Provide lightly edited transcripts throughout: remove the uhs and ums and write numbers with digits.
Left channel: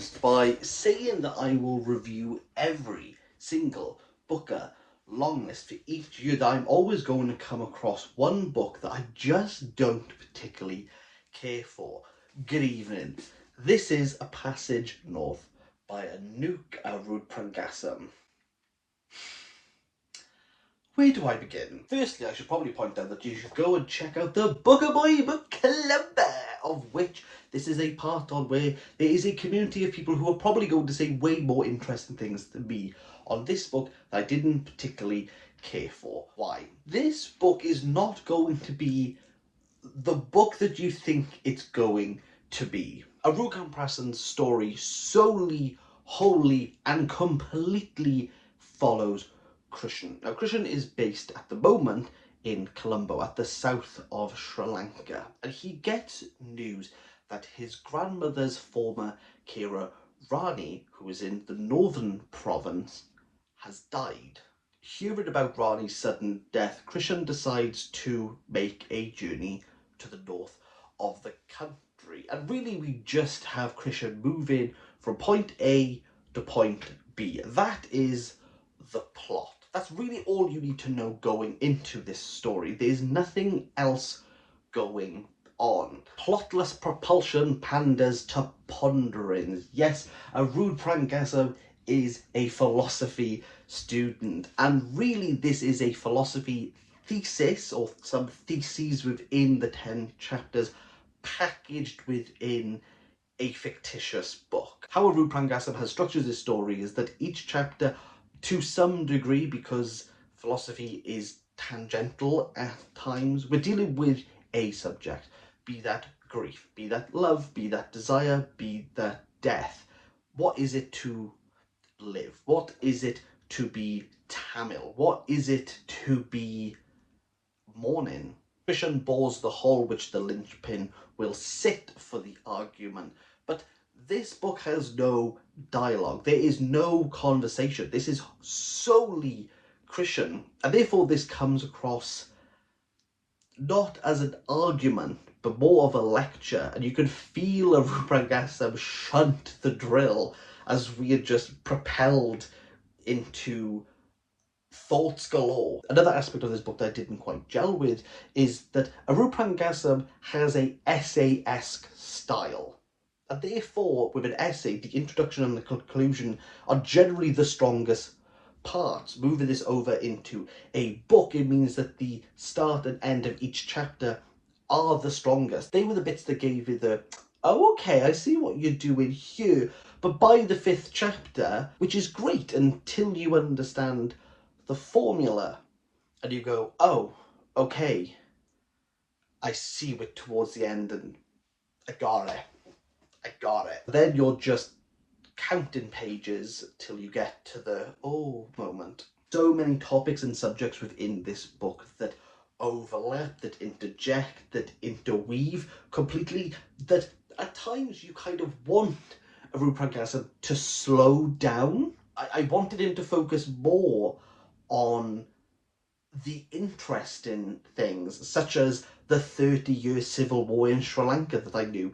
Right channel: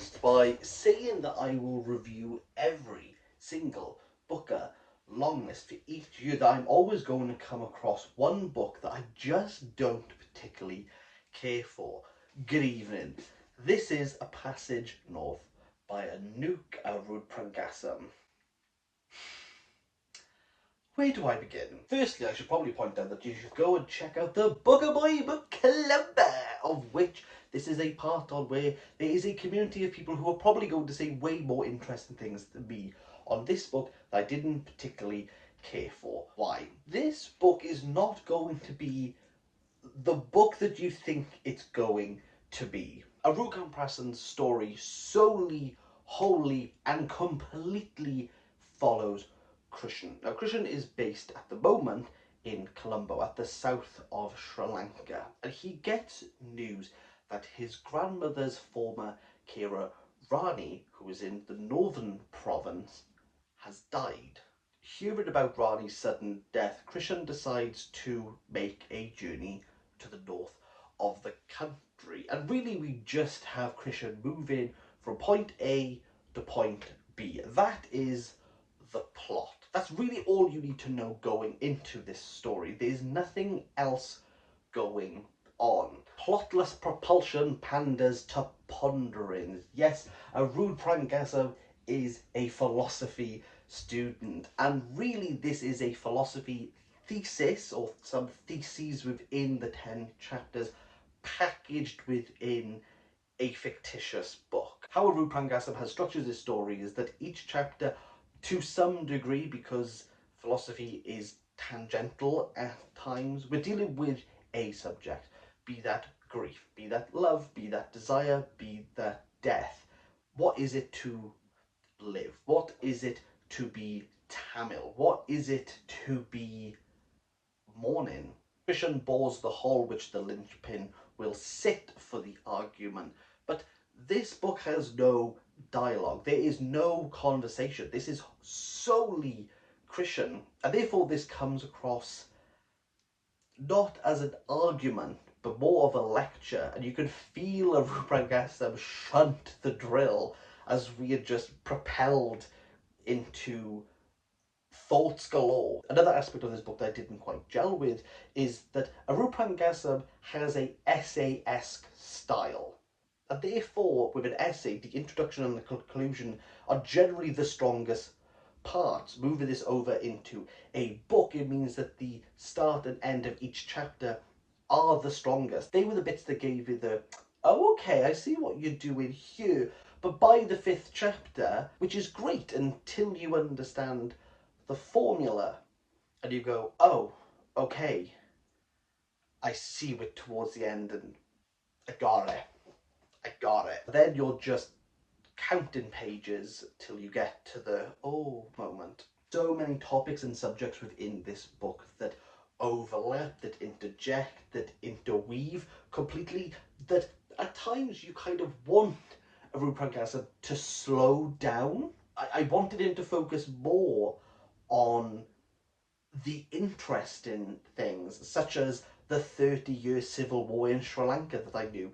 commenced by saying that I will review every single booker long list for each year, that I'm always going to come across one book that I just don't particularly care for. Good evening. This is A Passage North by Anuk Arudpragasam. Where do I begin? Firstly, I should probably point out that you should go and check out the BOOCLUB, of which this is a part on, where there is a community of people who are probably going to say way more interesting things than me on this book that I didn't particularly care for. Why? This book is not going to be the book that you think it's going to be. Anuk Arudpragasam's story solely, wholly and completely follows Krishnan. Now, Krishnan is based at the moment in Colombo, at the south of Sri Lanka, and he gets news that his grandmother's former carer, Rani, who is in the northern province, has died. Hearing about Rani's sudden death, Krishnan decides to make a journey to the north of the country, and really we just have Krishnan moving from point A to point B. That is the plot. That's really all you need to know going into this story. There's nothing else going on. Plotless propulsion panders to ponderings. Yes, Arudpragasam is a philosophy student, and really this is a philosophy thesis, or some theses within the 10 chapters packaged within a fictitious book. How Arudpragasam has structured this story is that each chapter, to some degree, because philosophy is tangential at times, we're dealing with a subject, be that grief, be that love, be that desire, be that death. What is it to live? What is it to be Tamil? What is it to be mourning? Krishnan bores the hole which the linchpin will sit for the argument, but this book has no dialogue. There is no conversation. This is solely Krishnan, and therefore this comes across not as an argument, but more of a lecture, and you can feel Arudpragasam shunt the drill as we are just propelled into thoughts galore. Another aspect of this book that I didn't quite gel with is that Arudpragasam has a essay-esque style. And therefore, with an essay, the introduction and the conclusion are generally the strongest parts. Moving this over into a book, it means that the start and end of each chapter are the strongest. They were the bits that gave you the, oh, okay, I see what you're doing here. But by the 5th chapter, which is great until you understand the formula, and you go, oh, okay, I see it towards the end, and I got it. Then you're just counting pages till you get to the oh moment. So many topics and subjects within this book that overlap, that interject, that interweave completely, that at times you kind of want Arudpragasam to slow down. I wanted him to focus more on the interesting things, such as the 30-year civil war in Sri Lanka that I knew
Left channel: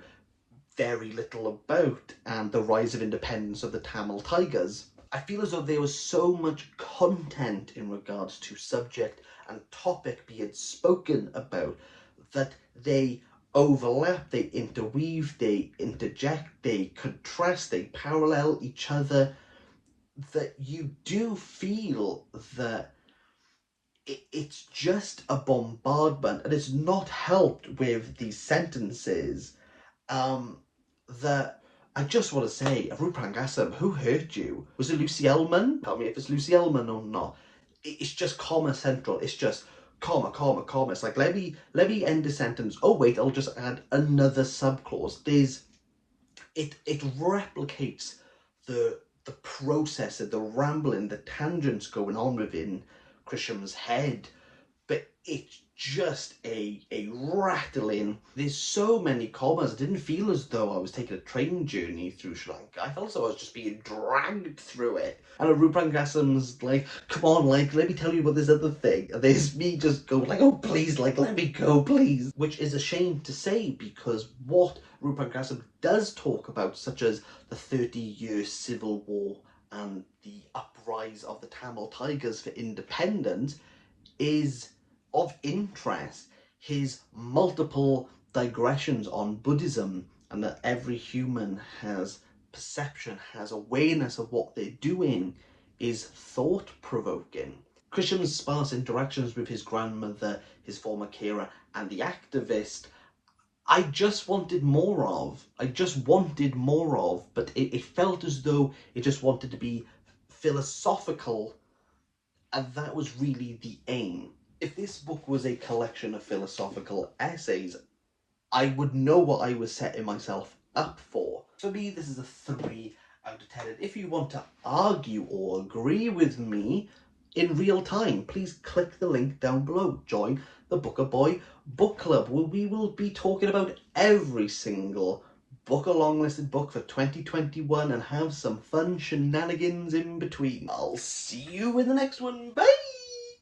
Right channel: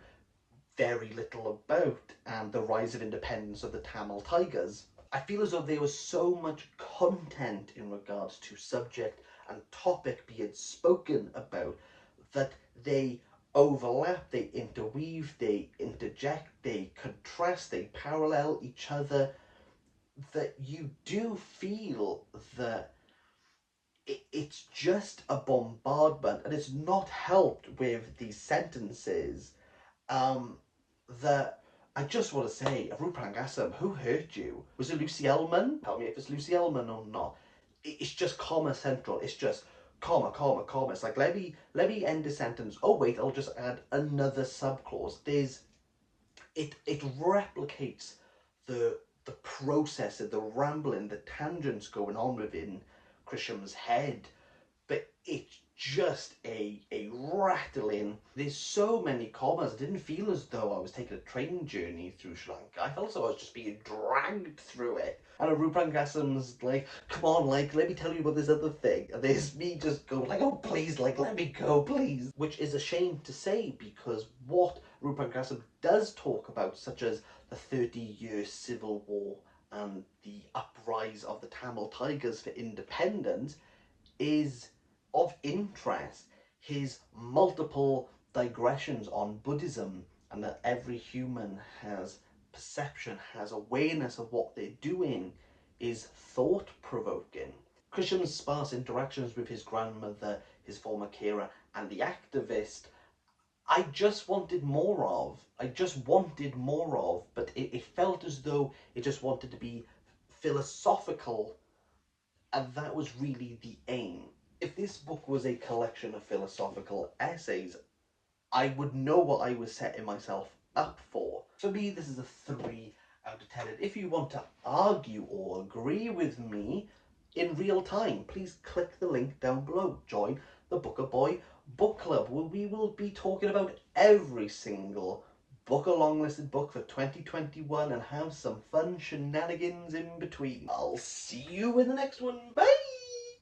very little about, and the rise of independence of the Tamil Tigers. I feel as though there was so much content in regards to subject and topic being spoken about that they overlap, they interweave, they interject, they contrast, they parallel each other, that you do feel that it's just a bombardment, and it's not helped with these sentences that I just want to say, Arudpragasam, who hurt you? Was it Lucy Ellman? Tell me if it's Lucy Ellman or not. It's just comma central. It's just comma, comma, comma. It's like, let me end a sentence. Oh wait, I'll just add another subclause. It replicates the process of the rambling, the tangents going on within Krishnan's head, but it's just a rattling. There's so many commas. I didn't feel as though I was taking a train journey through Sri Lanka. I felt as though I was just being dragged through it. And Arudpragasam's like, come on, like, let me tell you about this other thing. And there's me just going like, oh please, like, let me go, please. Which is a shame to say, because what Arudpragasam does talk about, such as the 30-year civil war and the uprise of the Tamil Tigers for independence, is of interest. His multiple digressions on Buddhism and that every human has perception, has awareness of what they're doing, is thought-provoking. Krisham's sparse interactions with his grandmother, his former carer, and the activist, I just wanted more of. But it felt as though it just wanted to be philosophical, and that was really the aim. If this book was a collection of philosophical essays, I would know what I was setting myself up for. For me, this is a 3 out of 10. And if you want to argue or agree with me in real time, please click the link down below. Join the Booker Boy Book Club, where we will be talking about every single Booker long-listed book for 2021 and have some fun shenanigans in between. I'll see you in the next one. Bye!